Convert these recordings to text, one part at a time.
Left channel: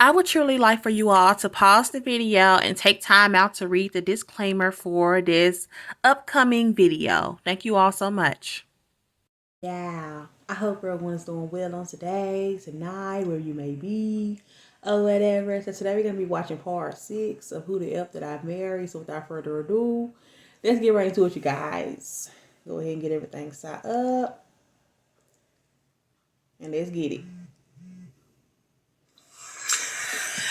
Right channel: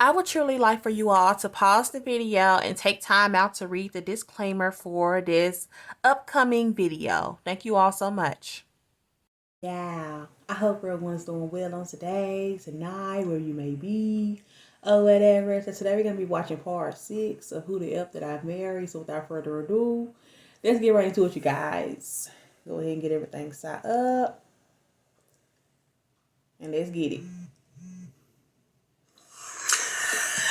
I would truly like for you all to pause the video and take time out to read the disclaimer for this upcoming video. Thank you all so much. Yeah, I hope everyone's doing well on today, tonight, where you may be, or whatever. So today we're going to be watching part 6 of Who the F Did I Marry? So without further ado, let's get right into it, you guys. Go ahead and get everything set up, and let's get it.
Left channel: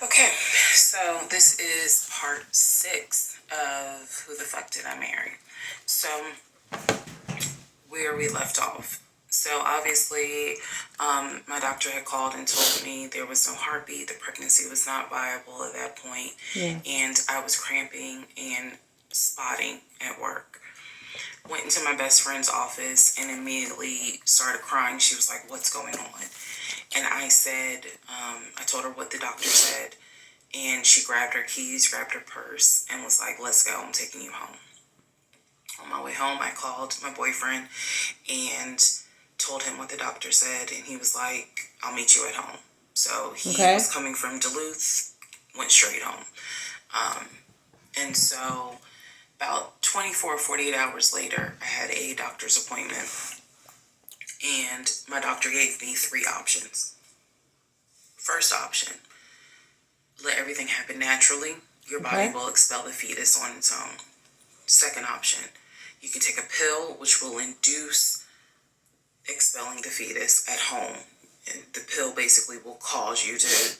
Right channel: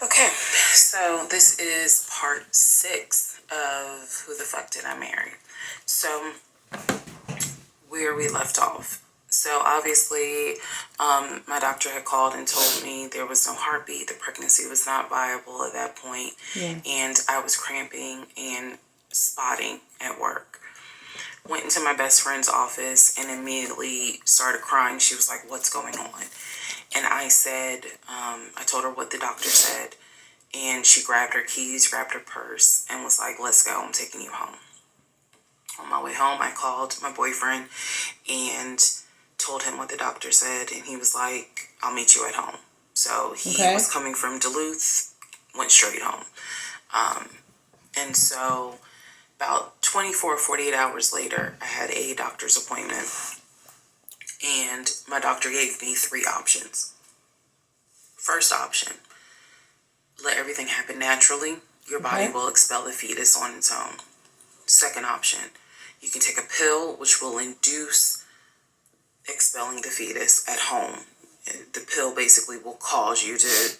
Okay, so this is part 6 of Who the Fuck Did I Marry? So, where we left off. So, obviously, my doctor had called and told me there was no heartbeat, the pregnancy was not viable at that point, and I was cramping and spotting at work. Went into my best friend's office and immediately started crying. She was like, "What's going on?" And I said, I told her what the doctor said. And she grabbed her keys, grabbed her purse, and was like, "Let's go, I'm taking you home." On my way home, I called my boyfriend and told him what the doctor said. And he was like, "I'll meet you at home." So he was coming from Duluth, went straight home. And so about 24, 48 hours later, I had a doctor's appointment. And my doctor gave me 3 options. First option, let everything happen naturally. Your body will expel the fetus on its own. Second option, you can take a pill which will induce expelling the fetus at home. And the pill basically will cause you to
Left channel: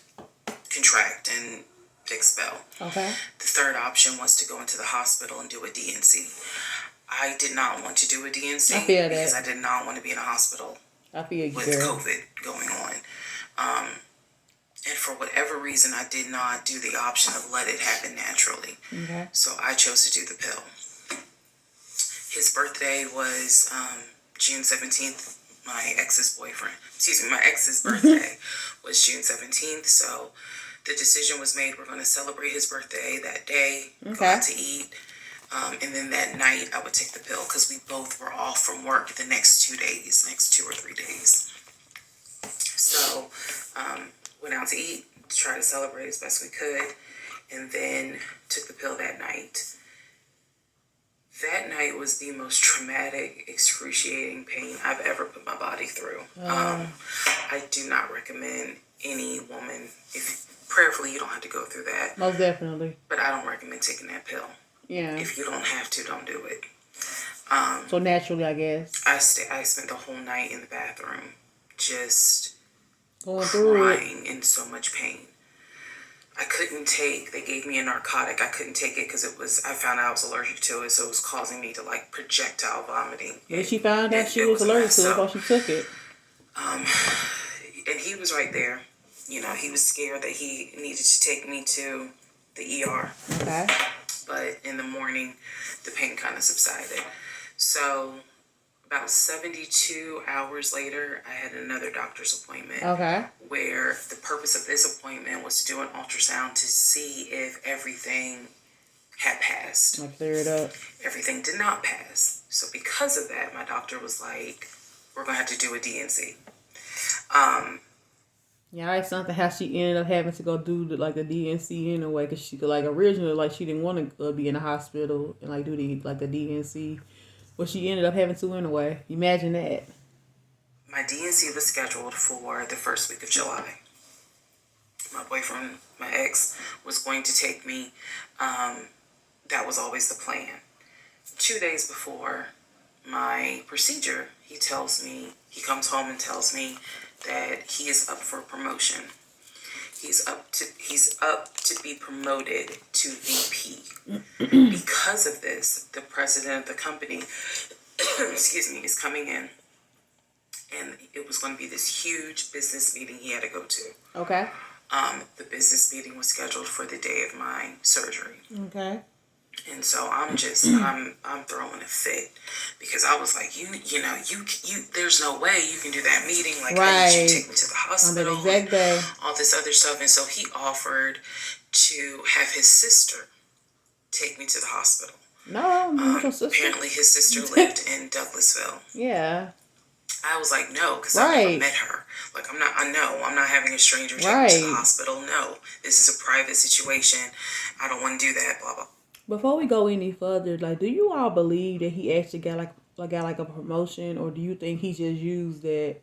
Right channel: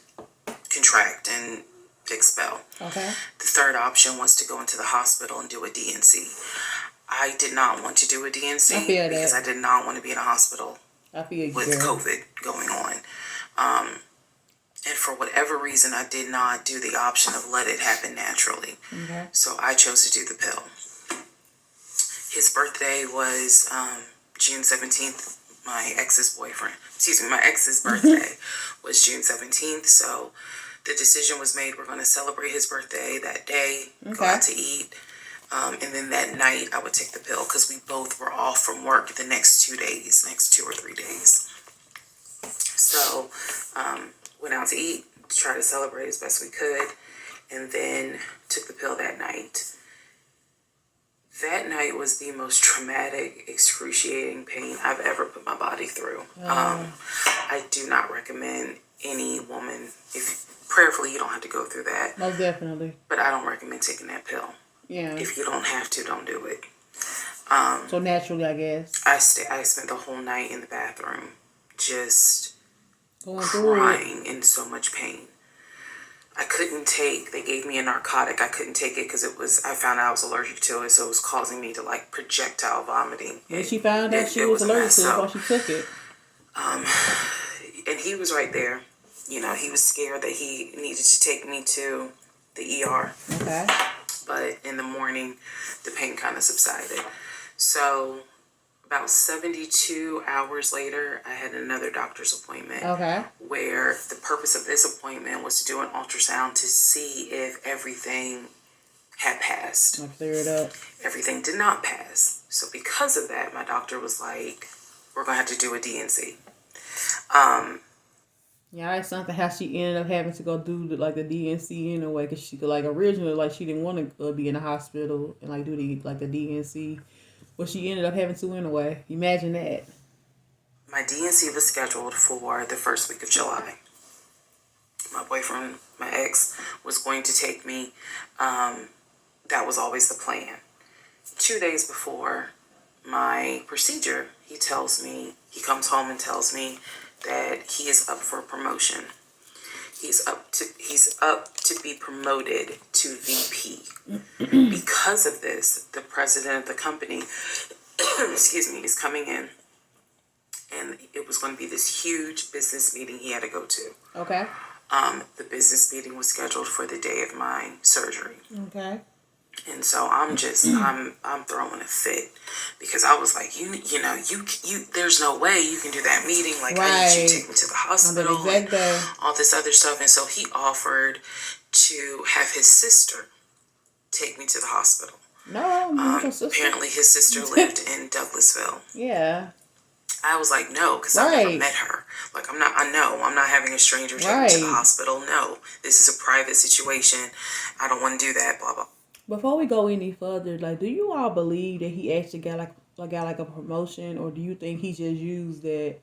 contract and expel. The third option was to go into the hospital and do a D&C. I did not want to do a D&C because I did not want to be in a hospital with COVID going on. And for whatever reason, I did not do the option of let it happen naturally. So I chose to do the pill. His birthday was June 17th. My ex's birthday was June 17th. So the decision was made, we're going to celebrate his birthday that day, go out to eat. And then that night I would take the pill because we both were off from work the next 2 or 3 days. So, went out to eat, to try to celebrate as best we could, and then took the pill that night. That night was the most traumatic, excruciating pain I've ever put my body through. I do not recommend any woman, prayerfully you don't have to go through that. Most definitely. But I don't recommend taking that pill. If you don't have to, don't do it. So naturally, I guess. I spent the whole night in the bathroom, just going through crying in so much pain. I couldn't take, they gave me a narcotic. I couldn't take it because I found out I was allergic to it. So it was causing me to like projectile vomiting. When she found out she was allergic to it, while she took it. And he was right there. You know, he was scared that he needed to take me to the ER. But in the morning, the pain kind of subsided. So about 72 hours later, I had another doctor's appointment. Where the purpose of this appointment was to do an ultrasound to see if everything had passed. Clear it up. Everything did not pass. So because of that, my doctor was like, we're going to have to do a D&C. Yeah, it's something how she ended up having to go do the D&C anyway, because she originally she didn't want to be in the hospital and do the D&C, but she ended up having to anyway. Imagine that. My D&C was scheduled for the first week of July. My boyfriend, my ex, was going to take me. That was always the plan. 2 days before my procedure, he comes home and tells me that he is up for promotion. He's up to be promoted to VP. Because of this, the president of the company, is coming in, and it was going to be this huge business meeting he had to go to. The business meeting was scheduled for the day of my surgery. And so I'm throwing a fit because I was like, you there's no way you can do that meeting. Like, how did you take me to the hospital? On that exact day. All this other stuff. And so he offered to have his sister take me to the hospital. No, apparently his sister lived in Douglasville. I was like, no, because I never Right. met her. Like, I'm not having a stranger take me to the Right. hospital. No, this is a private situation. I don't want to do that, blah, blah. Before we go any further, like, do you all believe that he actually got like a promotion, or do you think he just used that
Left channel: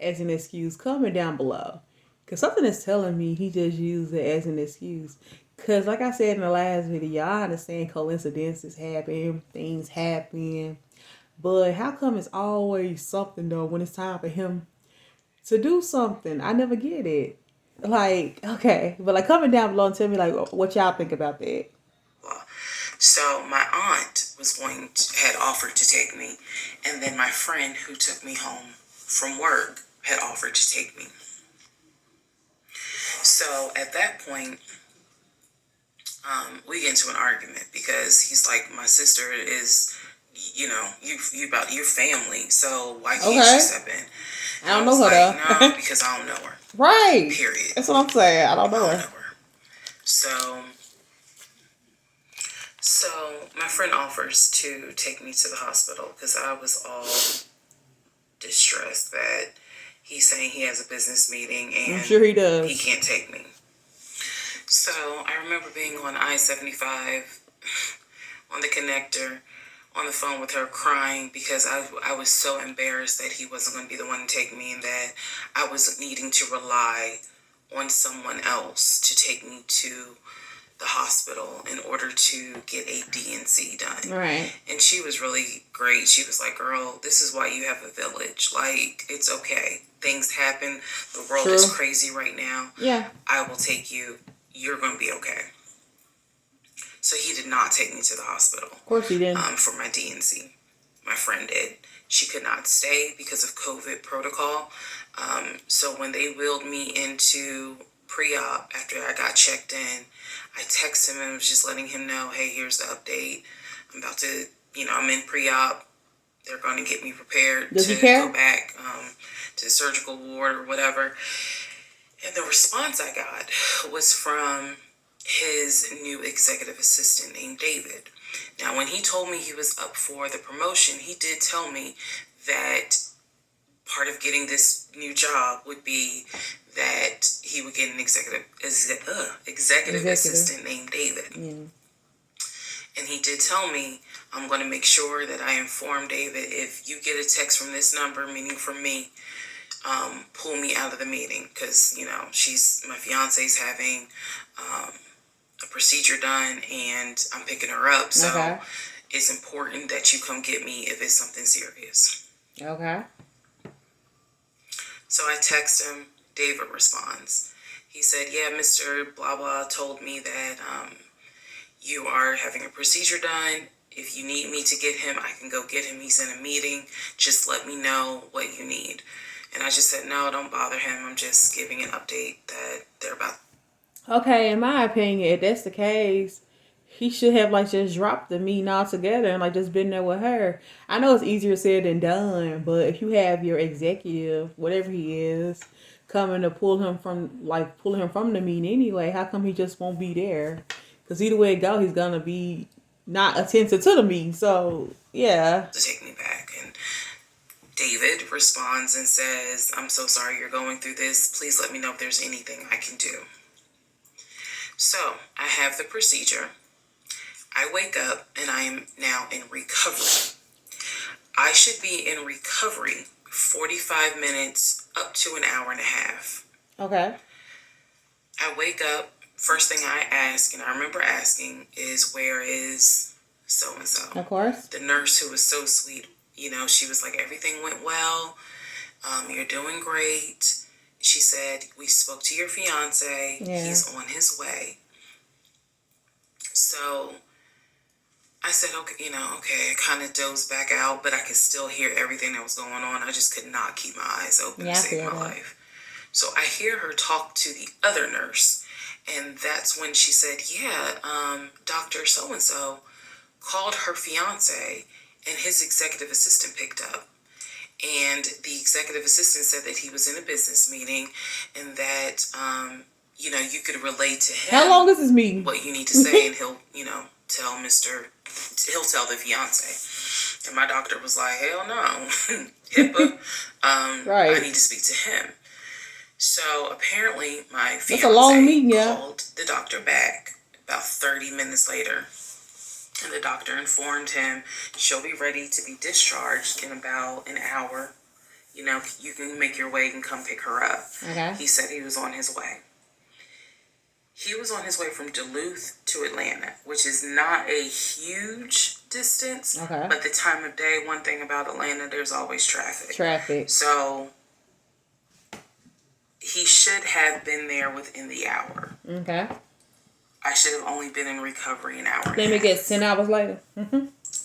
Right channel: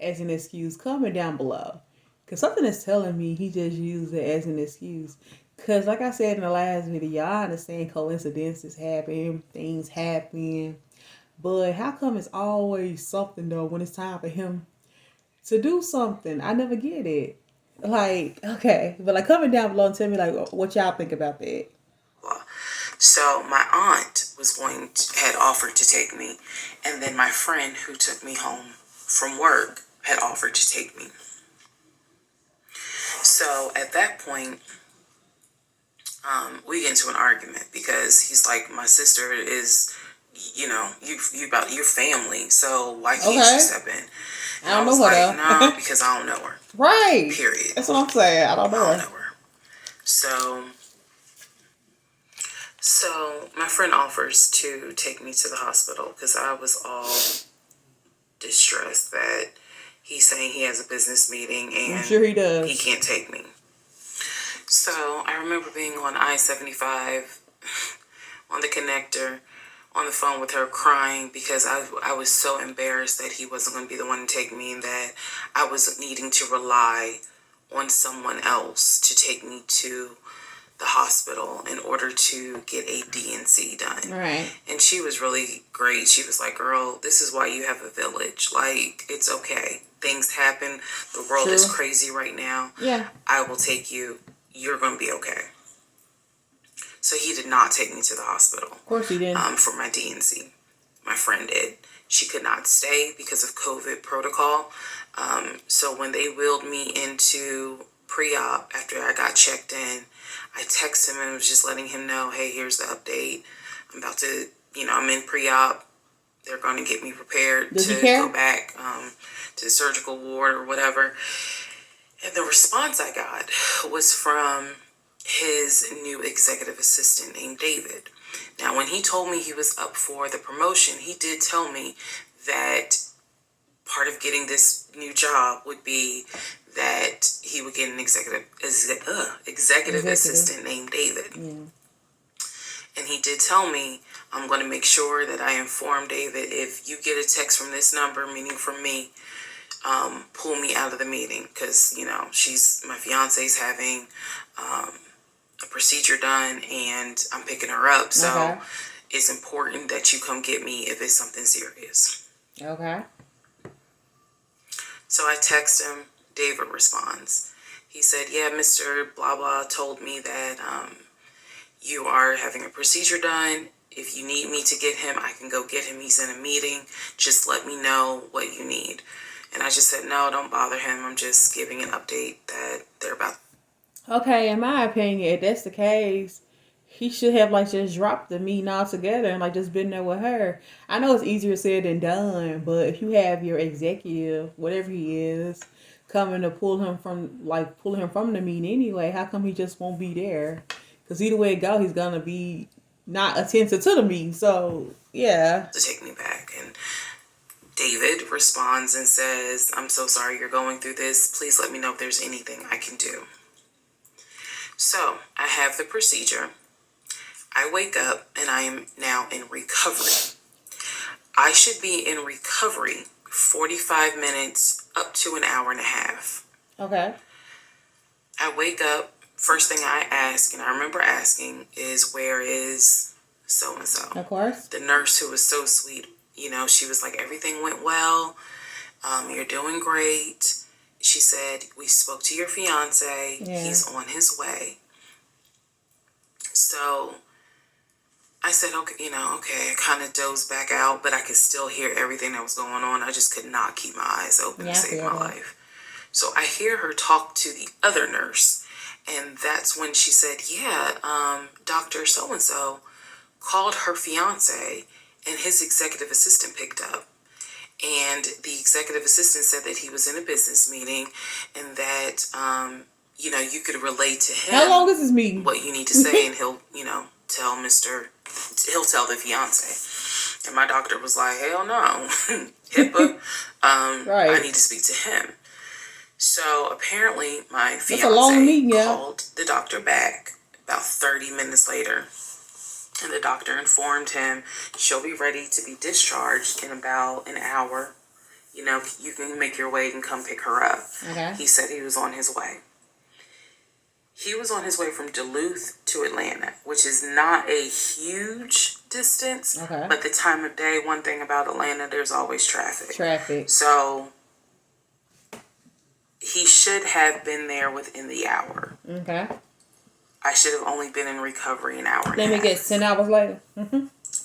as an excuse? Comment down below, because something is telling me he just used it as an excuse. Because, like I said in the last video, I understand coincidences happen, things happen, but how come it's always something though when it's time for him to do something? I never get it. Like, okay, but like, comment down below and tell me like what y'all think about that. So my aunt had offered to take me, and then my friend who took me home from work had offered to take me. So at that point, we get into an argument because he's like, my sister is, you about your family, so why can't she step in? And I don't know her though. No, because I don't know her. Right. Period. That's what I'm saying. I don't know her. So my friend offers to take me to the hospital because I was all distressed that he's saying he has a business meeting and I'm sure he does. He can't take me. So I remember being on I-75 on the connector on the phone with her crying because I was so embarrassed that he wasn't going to be the one to take me and that I was needing to rely on someone else to take me to the hospital in order to get a D&C done. Right. And she was really great. She was like, girl, this is why you have a village. Like, it's okay. Things happen. The world is crazy right now. Yeah. I will take you. You're going to be okay. So he did not take me to the hospital. Of course he didn't. For my D&C. My friend did. She could not stay because of COVID protocol. So when they wheeled me into pre-op after I got checked in, I texted him and was just letting him know, hey, here's the update. I'm about to, I'm in pre-op. They're going to get me prepared to go back to the surgical ward or whatever. And the response I got was from his new executive assistant named David. Now, when he told me he was up for the promotion, he did tell me that part of getting this new job would be that he would get an executive assistant named David. Yeah. And he did tell me, I'm going to make sure that I inform David if you get a text from this number, meaning from me, pull me out of the meeting because, my fiance's having a procedure done and I'm picking her up. So it's important that you come get me if it's something serious. Okay. So I text him. David responds. He said, yeah, Mr. Blah Blah told me that you are having a procedure done. If you need me to get him, I can go get him. He's in a meeting. Just let me know what you need. And I just said, no, don't bother him. I'm just giving an update that they're about. Okay, in my opinion, if that's the case, he should have just dropped the meeting altogether and just been there with her. I know it's easier said than done, but if you have your executive, whatever he is, coming to pull him from the meeting anyway, how come he just won't be there? Because either way it go, he's gonna be not attentive to the meeting. So yeah. To take me back. And David responds and says, I'm so sorry you're going through this. Please let me know if there's anything I can do. So I have the procedure. I wake up and I am now in recovery. I should be in recovery 45 minutes up to an hour and a half. Okay. I wake up. First thing I ask, and I remember asking, is where is so-and-so? Of course. The nurse who was so sweet, she was like, everything went well. You're doing great. She said, we spoke to your fiance. Yeah. He's on his way. So I said, okay, I kind of dozed back out, but I could still hear everything that was going on. I just could not keep my eyes open to save my life. So I hear her talk to the other nurse. And that's when she said, Dr. So-and-so called her fiance and his executive assistant picked up. And the executive assistant said that he was in a business meeting and that, you could relay to him. How long is this meeting? What you need to say, and he'll, he'll tell the fiance. And my doctor was like, hell no. HIPAA. Right. I need to speak to him. So apparently my That's a long fiance meeting, yeah. called the doctor back about 30 minutes later. And the doctor informed him she'll be ready to be discharged in about an hour. You know, you can make your way and come pick her up. Okay. He said he was on his way. He was on his way from Duluth to Atlanta, which is not a huge distance. Okay. But the time of day, one thing about Atlanta, there's always traffic. Traffic. So he should have been there within the hour. Okay. I should have only been in recovery an hour. Let me get 10 hours later.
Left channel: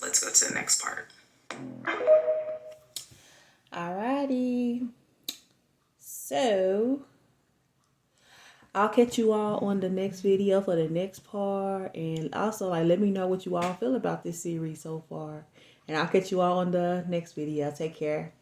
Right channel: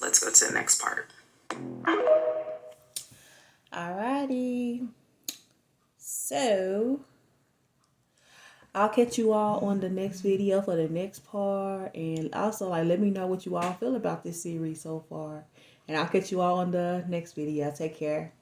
Let's go to the next part. Alrighty. So, I'll catch you all on the next video for the next part. And also, like, let me know what you all feel about this series so far. And I'll catch you all on the next video. Take care.